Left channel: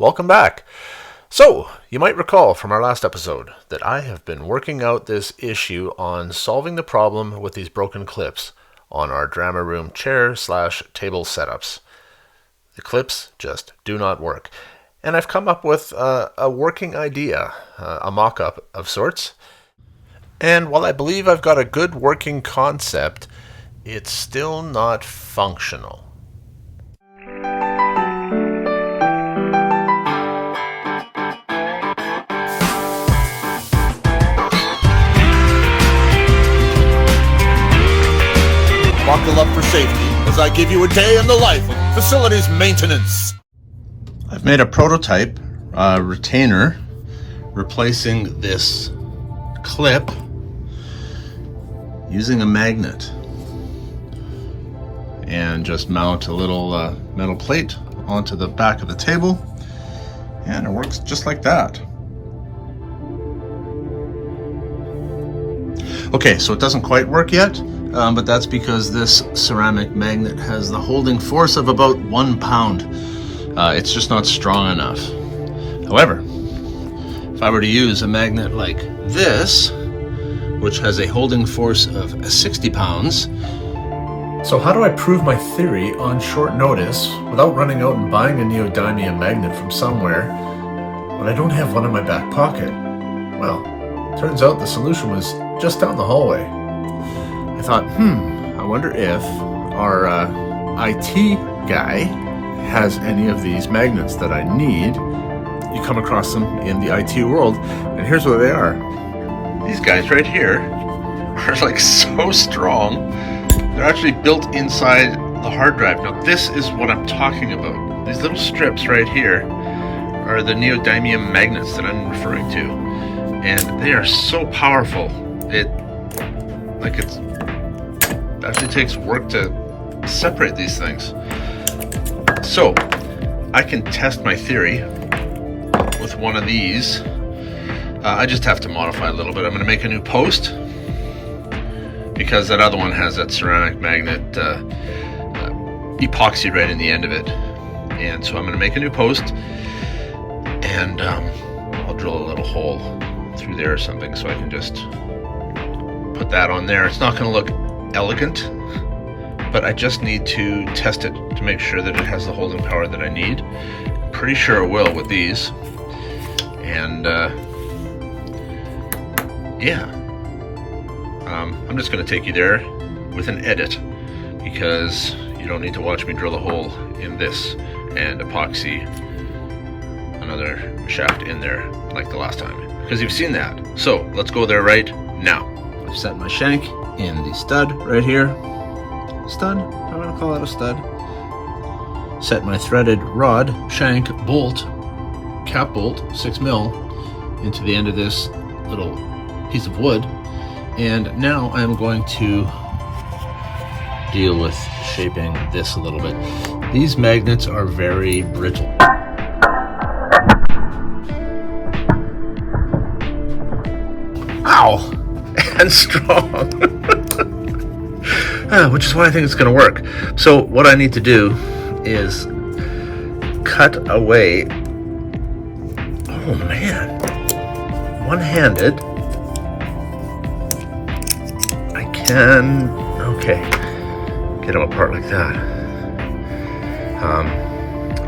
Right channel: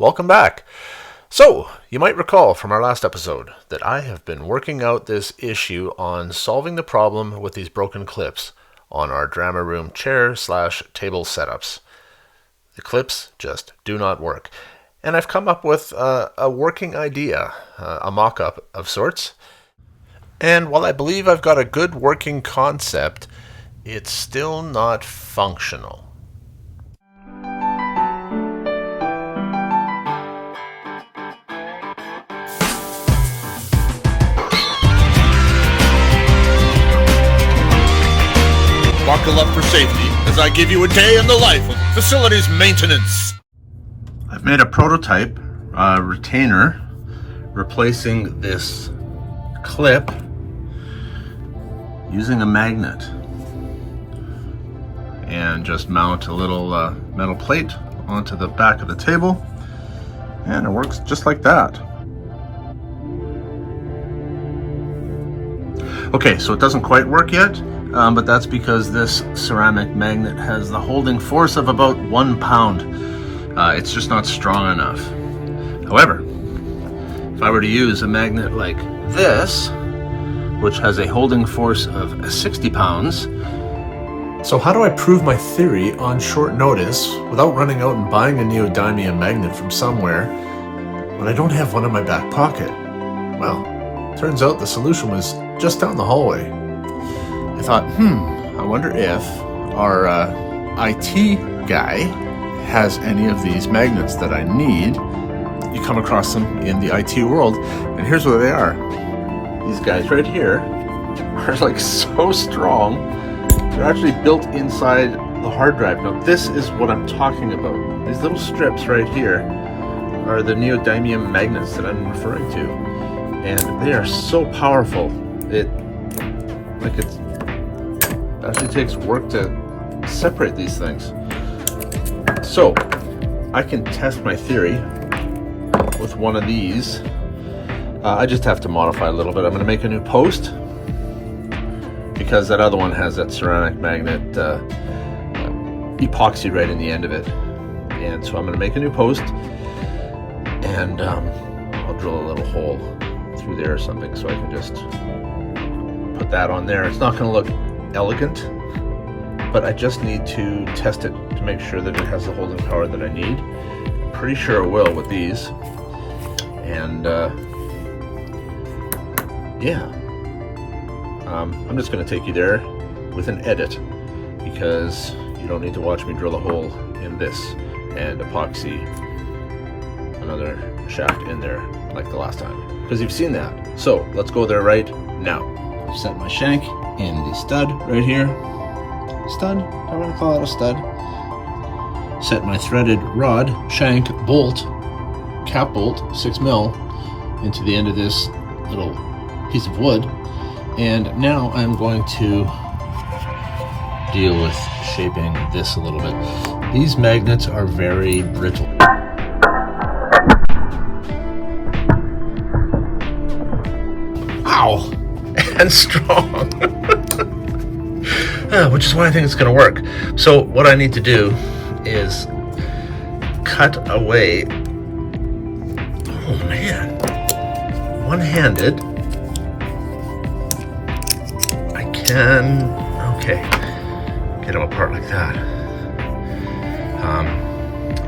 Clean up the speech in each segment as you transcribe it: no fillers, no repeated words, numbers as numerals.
Welcome back. So, you might recall from our last episode that I have been working out this issue on solving the problem with these broken clips on our drama room chair/table setups. The clips just do not work. And I've come up with a working idea, a mock-up of sorts. And while I believe I've got a good working concept, it's still not functional. Buckle up for safety as I give you a day in the life of facilities maintenance. I've made a prototype retainer replacing this clip using a magnet, and just mount a little metal plate onto the back of the table, and it works just like that. Okay, so it doesn't quite work yet, but that's because this ceramic magnet has the holding force of about 1 pound. It's just not strong enough. However, if I were to use a magnet like this, which has a holding force of 60 pounds. So how do I prove my theory on short notice without running out and buying a neodymium magnet from somewhere when I don't have one in my back pocket? Well, turns out the solution was just down the hallway. I thought, I wonder if our IT guy has any of these magnets that I need. You come across them in the IT world, and here's what they are. These guys right here are like so strong. They're actually built inside the hard drive. Now this is what I'm talking about. These little strips right here are the neodymium magnets that I'm referring to. And they are so powerful. It actually takes work to separate these things. So I can test my theory with one of these. I just have to modify a little bit. I'm going to make a new post because that other one has that ceramic magnet epoxy right in the end of it. And so I'm going to make a new post, and I'll drill a little hole through there or something so I can just put that on there. It's not going to look elegant, but I just need to test it to make sure that it has the holding power that I need. I'm pretty sure it will with these. And I'm just going to take you there with an edit, because you don't need to watch me drill a hole in this and epoxy another shaft in there like the last time, because you've seen that. So let's go there right now. I've set my shank in the stud right here. Stud? Do I want to call it a stud? Set my threaded rod, shank, bolt, cap bolt, 6mm, into the end of this little piece of wood. And now I'm going to deal with shaping this a little bit. These magnets are very brittle. Ow! And strong. Which is why I think it's going to work. So what I need to do is cut away. Oh man. One-handed. Okay, get them apart like that. I'm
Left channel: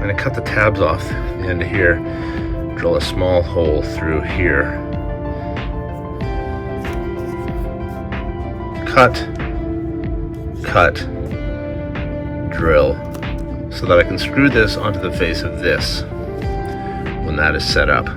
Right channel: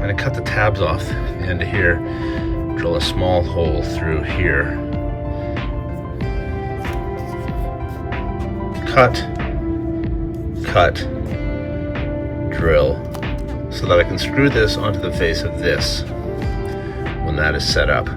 going to cut the tabs off the end of here, drill a small hole through here, cut, drill, so that I can screw this onto the face of this when that is set up.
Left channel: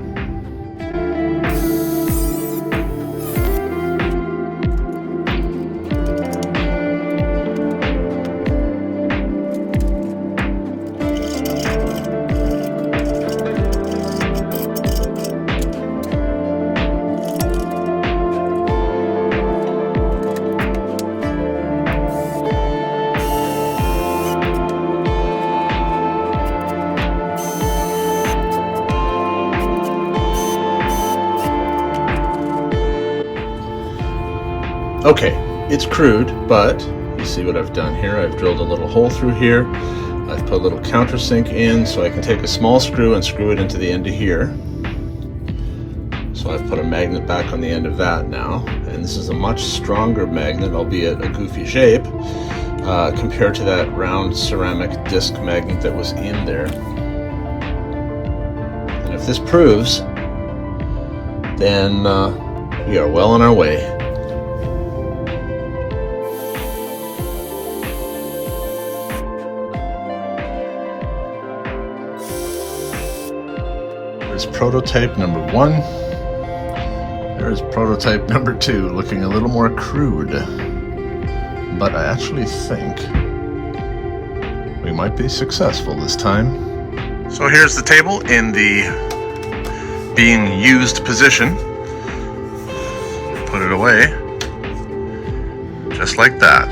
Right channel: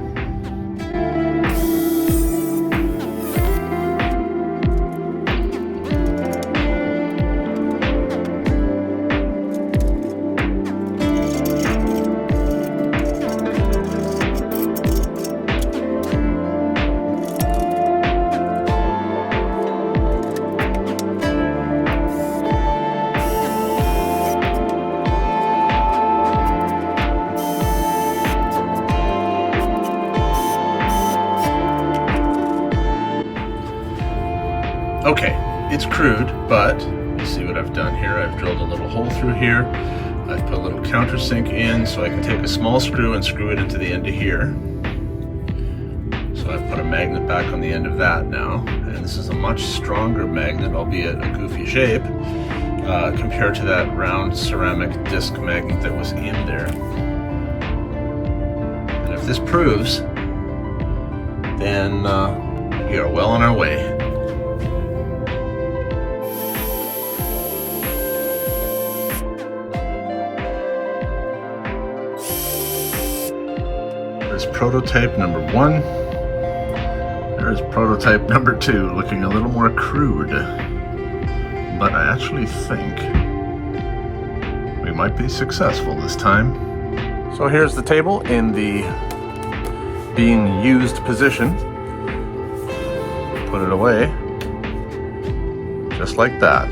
Okay, it's crude, but you see what I've done here. I've drilled a little hole through here. I've put a little countersink in so I can take a small screw and screw it into the end of here. So I've put a magnet back on the end of that now, and this is a much stronger magnet, albeit a goofy shape, compared to that round ceramic disc magnet that was in there. And if this proves, then we are well on our way. There's prototype number 1. There's prototype number 2, looking a little more crude. But I actually think we might be successful this time. So here's the table in the being used position. Put it away, just like that.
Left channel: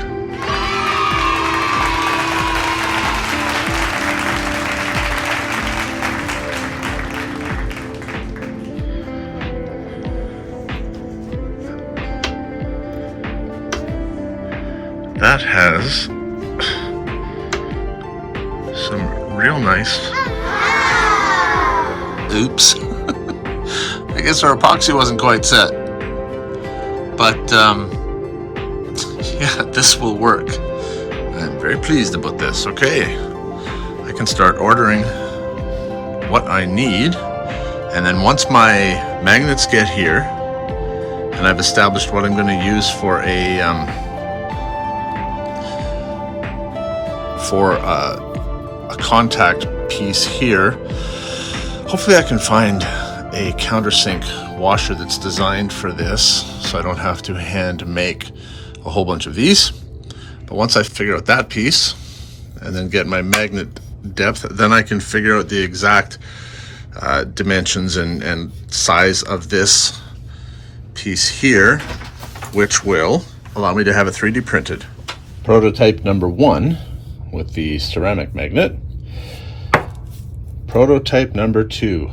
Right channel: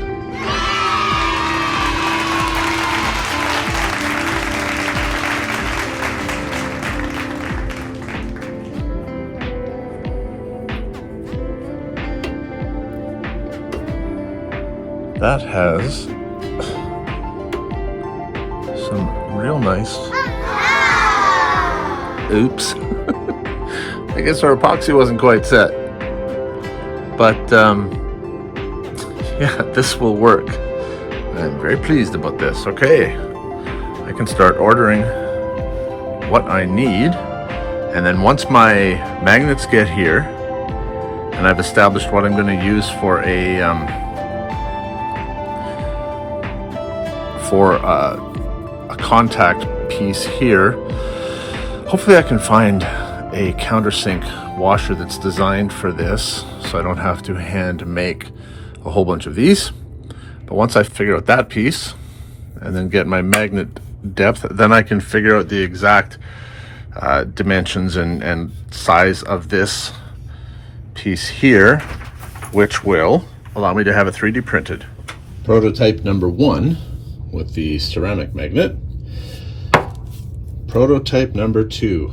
That has some real nice. Oops. I guess our epoxy wasn't quite set. But yeah, this will work. I'm very pleased about this. Okay, I can start ordering what I need. And then once my magnets get here, and I've established what I'm going to use for a contact piece here, hopefully I can find a countersink washer that's designed for this, so I don't have to hand make a whole bunch of these. But once I figure out that piece and then get my magnet depth, then I can figure out the exact dimensions and size of this piece here, which will allow me to have it 3D printed. Prototype number 1 with the ceramic magnet. Prototype number 2,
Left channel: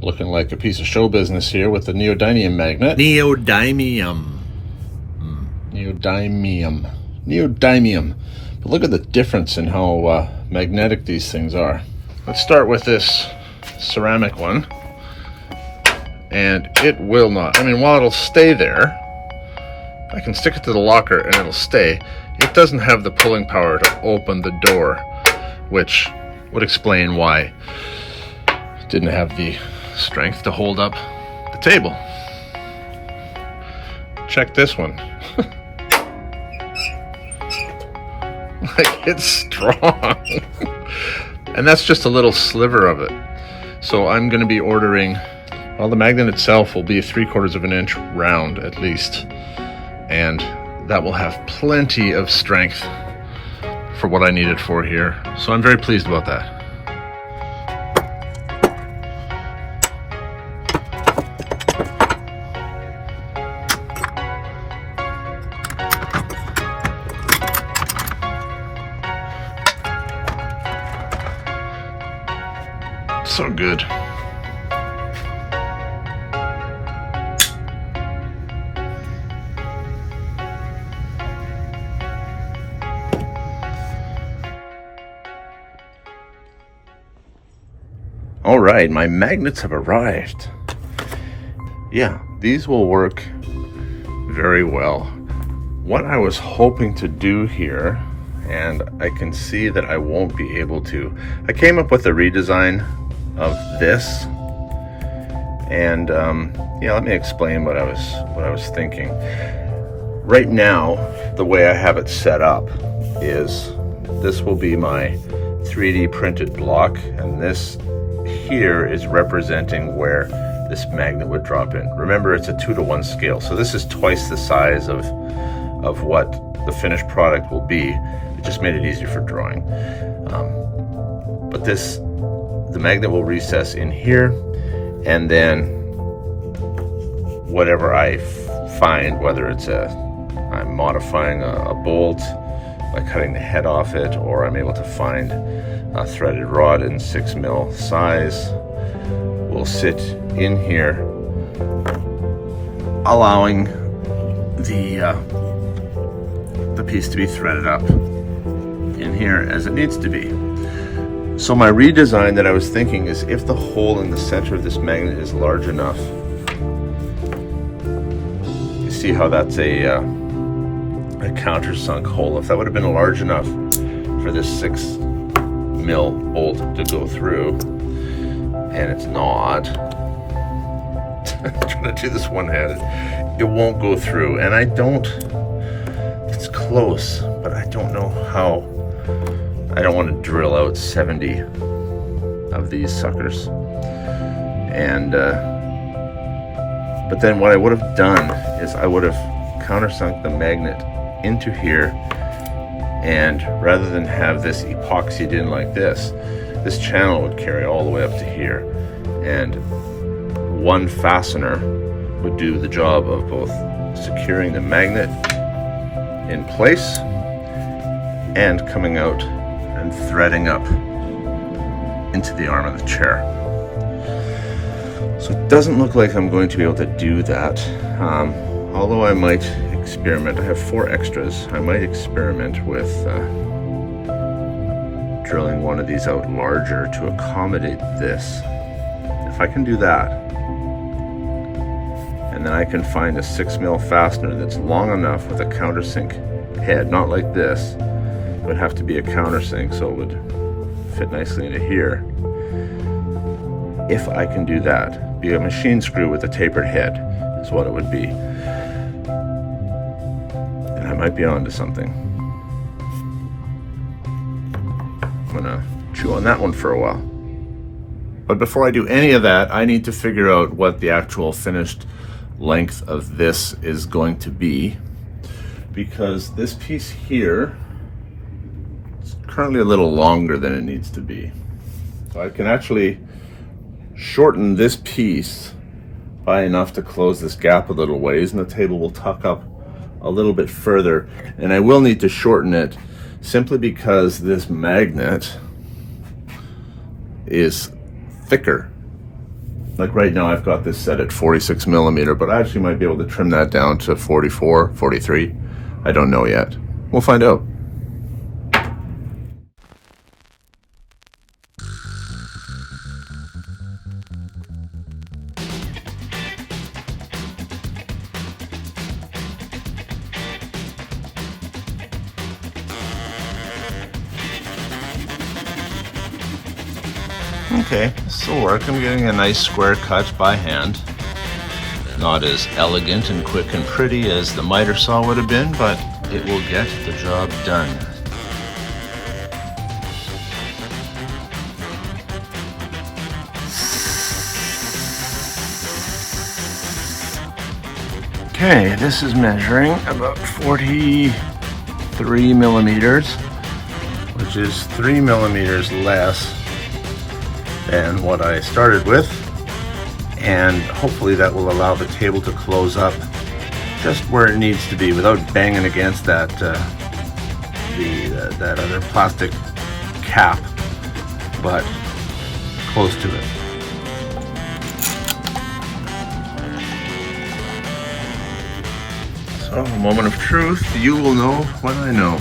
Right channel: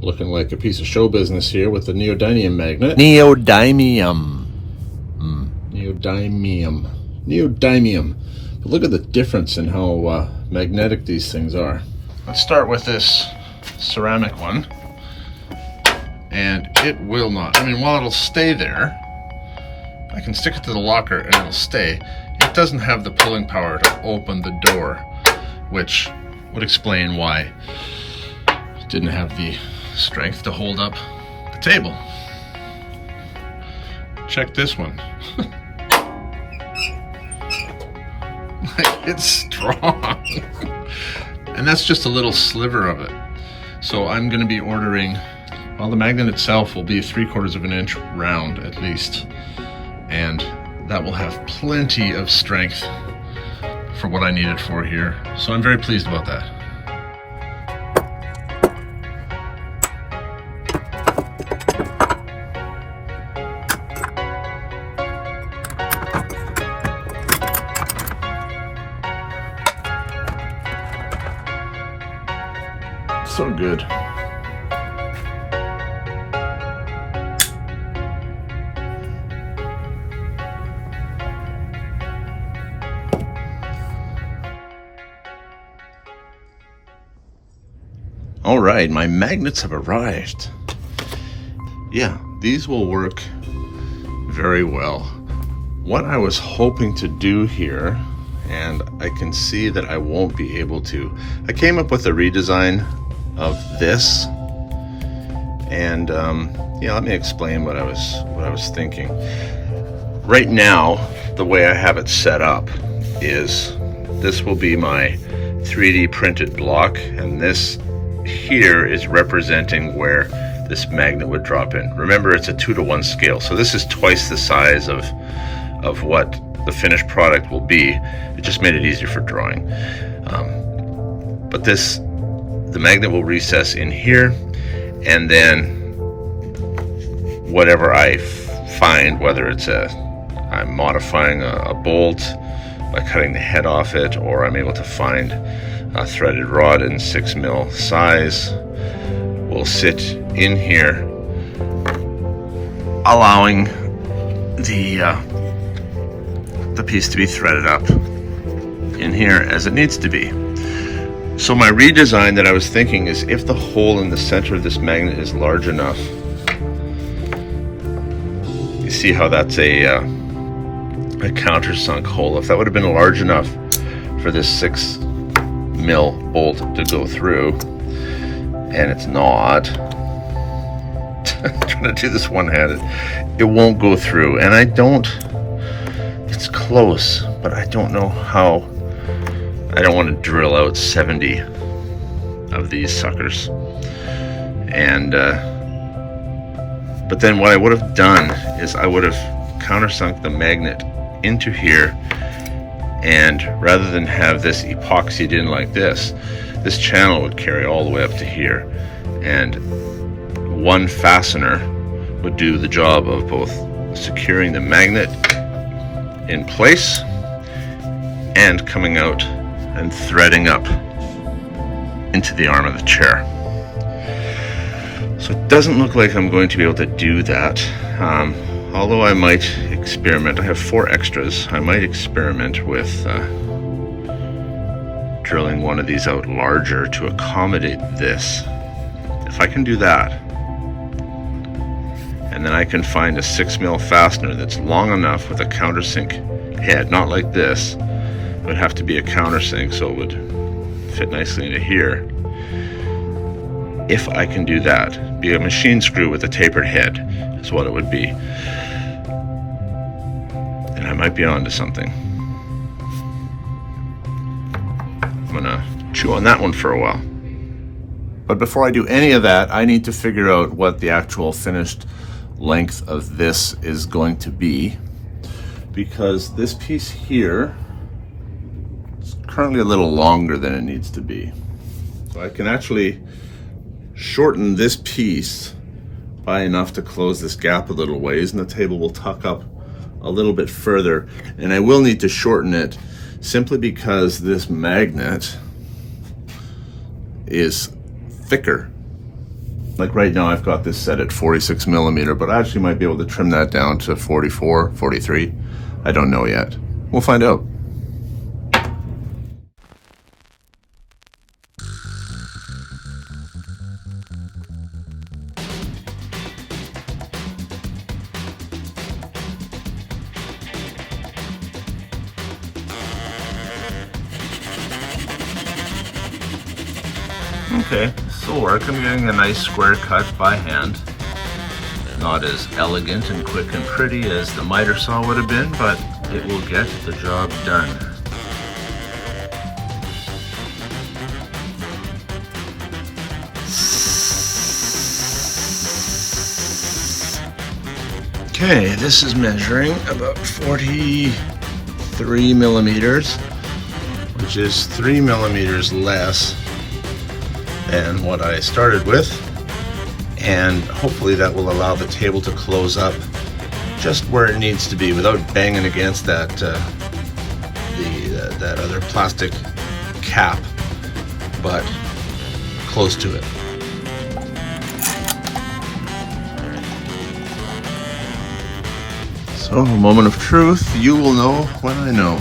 looking like a piece of show business here with the neodymium magnet. Neodymium. But look at the difference in how magnetic these things are. Let's start with this ceramic one. And it will not, I mean, while it'll stay there, I can stick it to the locker and it'll stay. It doesn't have the pulling power to open the door, which would explain why it didn't have the strength to hold up the table. Check this one. Like, it's strong. And that's just a little sliver of it. So I'm going to be ordering, well, the magnet itself will be 3/4 of an inch round at least. And that will have plenty of strength for what I need it for here. So I'm very pleased about that. So good. All right, my magnets have arrived. Yeah, these will work very well. What I was hoping to do here, and I can see that I won't be able to, I came up with a redesign of this, and yeah, let me explain what I was thinking. Right now, the way I have it set up is this will be my 3D printed block, and this here is representing where this magnet would drop in. Remember, it's a 2-to-1 scale, so this is twice the size of what the finished product will be. It just made it easier for drawing. But the magnet will recess in here, and then whatever I find, whether it's I'm modifying a bolt by cutting the head off it, or I'm able to find a threaded rod in 6mm size, will sit in here, allowing the piece to be threaded up in here as it needs to be. So my redesign that I was thinking is, if the hole in the center of this magnet is large enough, you see how that's a countersunk hole. If that would have been large enough for this 6 mil bolt to go through, and it's not, trying to do this one-handed, it won't go through. And it's close, but I don't know how. I don't want to drill out 70 of these suckers. And but then what I would have done is I would have countersunk the magnet into here, and rather than have this epoxied in like this channel would carry all the way up to here, and one fastener would do the job of both securing the magnet in place and coming out and threading up into the arm of the chair. So it doesn't look like I'm going to be able to do that, although I might experiment. I have 4 extras. I might experiment with drilling one of these out larger to accommodate this. If I can do that, and then I can find a 6 mil fastener that's long enough with a countersink head, not like this, it would have to be a countersink so it would fit nicely into here. If I can do that, be a machine screw with a tapered head is what it would be. And I might be onto something. I'm gonna chew on that one for a while. But before I do any of that, I need to figure out what the actual finished length of this is going to be, because this piece here is currently a little longer than it needs to be. So I can actually shorten this piece by enough to close this gap a little ways, and the table will tuck up a little bit further. And I will need to shorten it simply because this magnet is thicker. Like right now I've got this set at 46 millimeter, but I actually might be able to trim that down to 44, 43. I don't know yet. We'll find out. Okay, this will work. I'm getting a nice square cut by hand. Not as elegant and quick and pretty as the miter saw would have been, but it will get the job done. Okay, this is measuring about 43 millimeters, which is 3 millimeters less than what I started with, and hopefully that will allow the table to close up just where it needs to be without banging against that that other plastic cap, but close to it. So, a moment of truth, you will know what I know.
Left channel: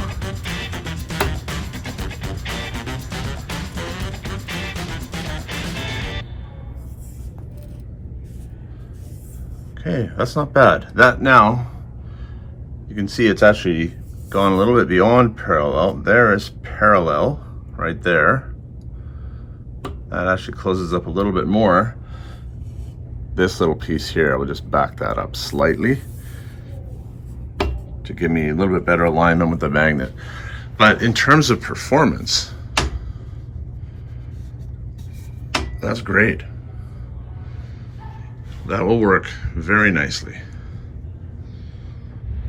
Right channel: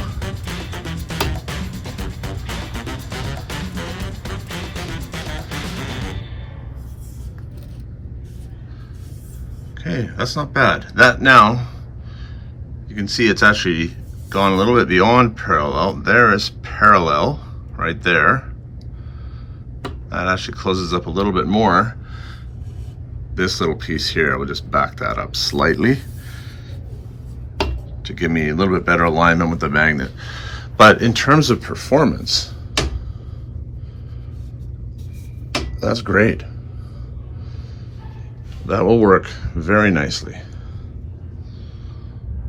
Okay, that's not bad. That now, you can see it's actually gone a little bit beyond parallel. There is parallel right there. That actually closes up a little bit more. This little piece here, I would just back that up slightly to give me a little bit better alignment with the magnet. But in terms of performance, that's great. That will work very nicely.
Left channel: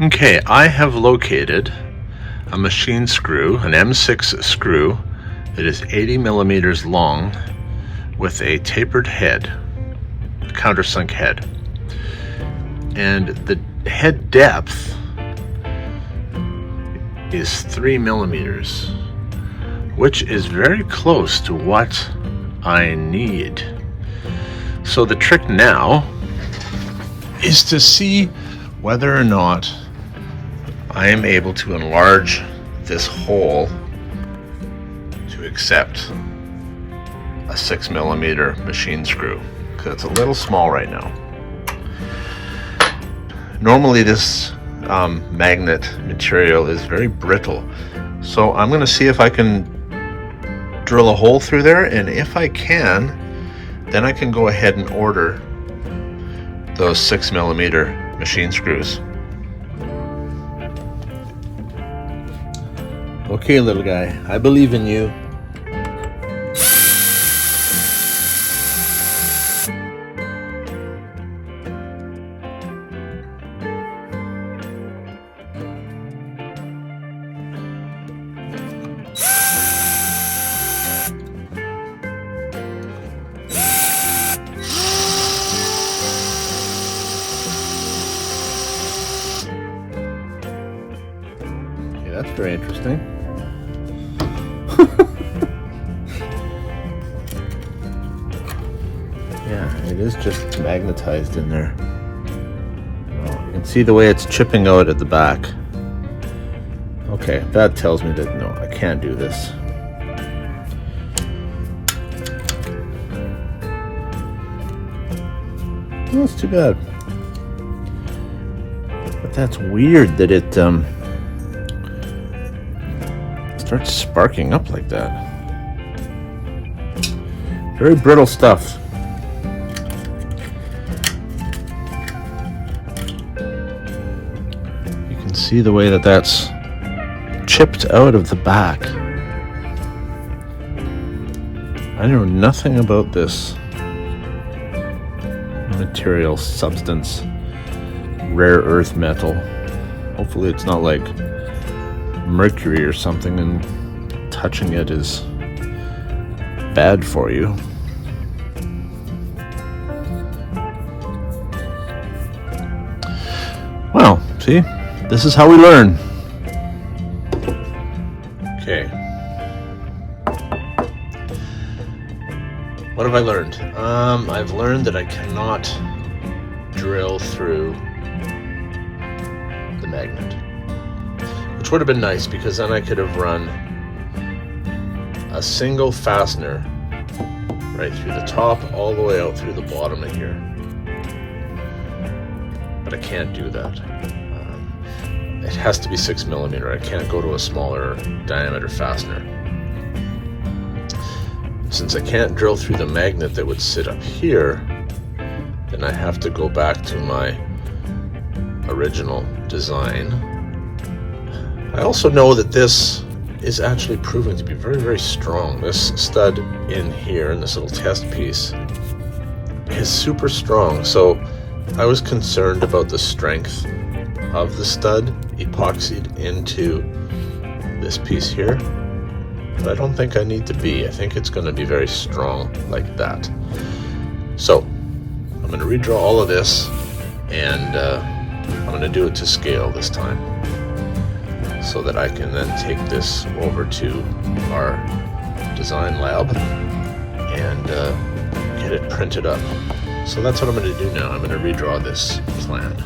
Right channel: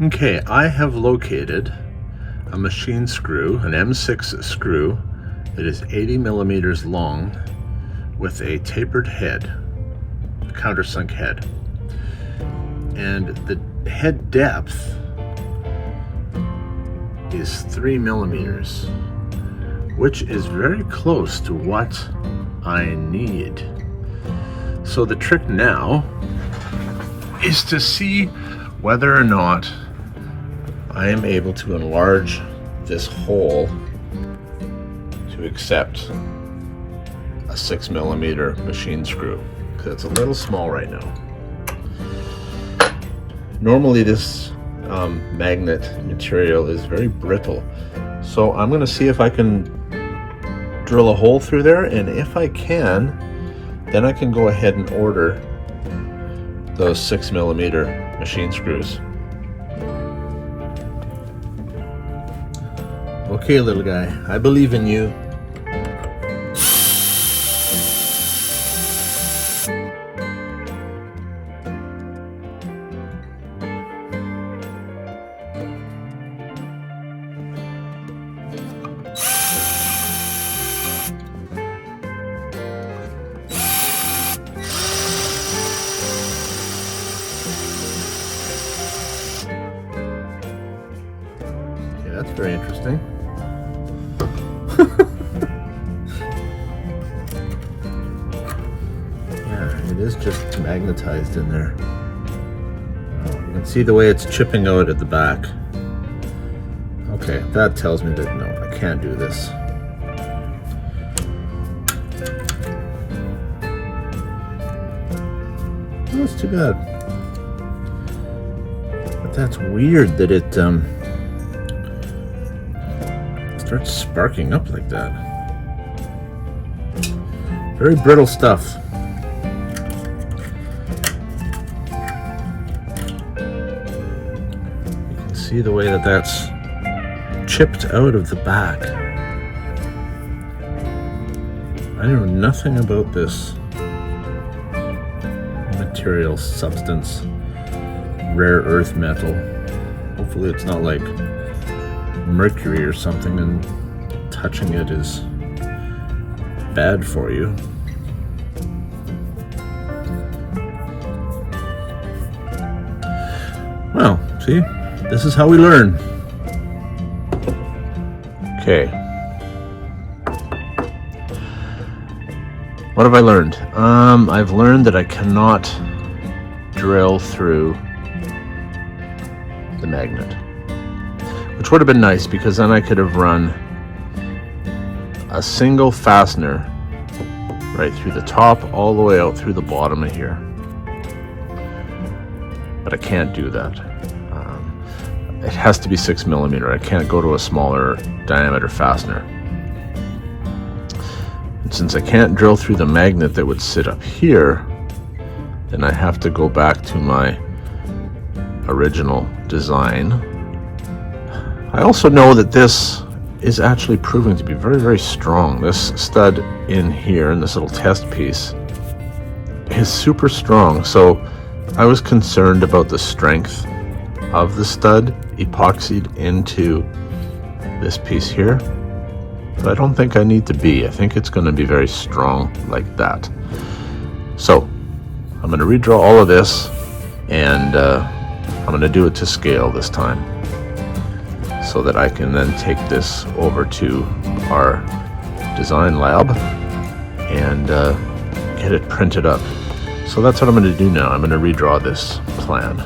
Okay, I have located a machine screw, an M6 screw that is 80 millimeters long with a tapered head, a countersunk head. And the head depth is 3 millimeters, which is very close to what I need. So the trick now is to see whether or not I am able to enlarge this hole to accept a 6mm machine screw because it's a little small right now. Normally this magnet material is very brittle, so I'm going to see if I can drill a hole through there, and if I can, then I can go ahead and order those 6mm machine screws. Okay, little guy, I believe in you. That's very interesting. Yeah, it is just magnetized in there. Oh, you can see the way it's chipping out at the back. Okay, that tells me that no, I can't do this. Oh, that's too bad. But that's weird that it starts sparking up like that. Very brittle stuff. You can see the way that that's chipped out of the back. I know nothing about this material, substance, rare earth metal. Hopefully it's not like mercury or something, and touching it is bad for you. Well, see, this is how we learn. Okay. What have I learned? I've learned that I cannot drill through the magnet. Which would have been nice, because then I could have run a single fastener right through the top all the way out through the bottom of here. But I can't do that. It has to be 6mm. I can't go to a smaller diameter fastener. And since I can't drill through the magnet that would sit up here, then I have to go back to my original design. I also know that this is actually proven to be very, very strong. This stud in here, in this little test piece, is super strong. So I was concerned about the strength of the stud epoxied into this piece here, but I don't think I need to be. I think it's going to be very strong like that. So I'm going to redraw all of this, and I'm going to do it to scale this time, so that I can then take this over to our design lab and get it printed up. So that's what I'm going to do now. I'm going to redraw this plan.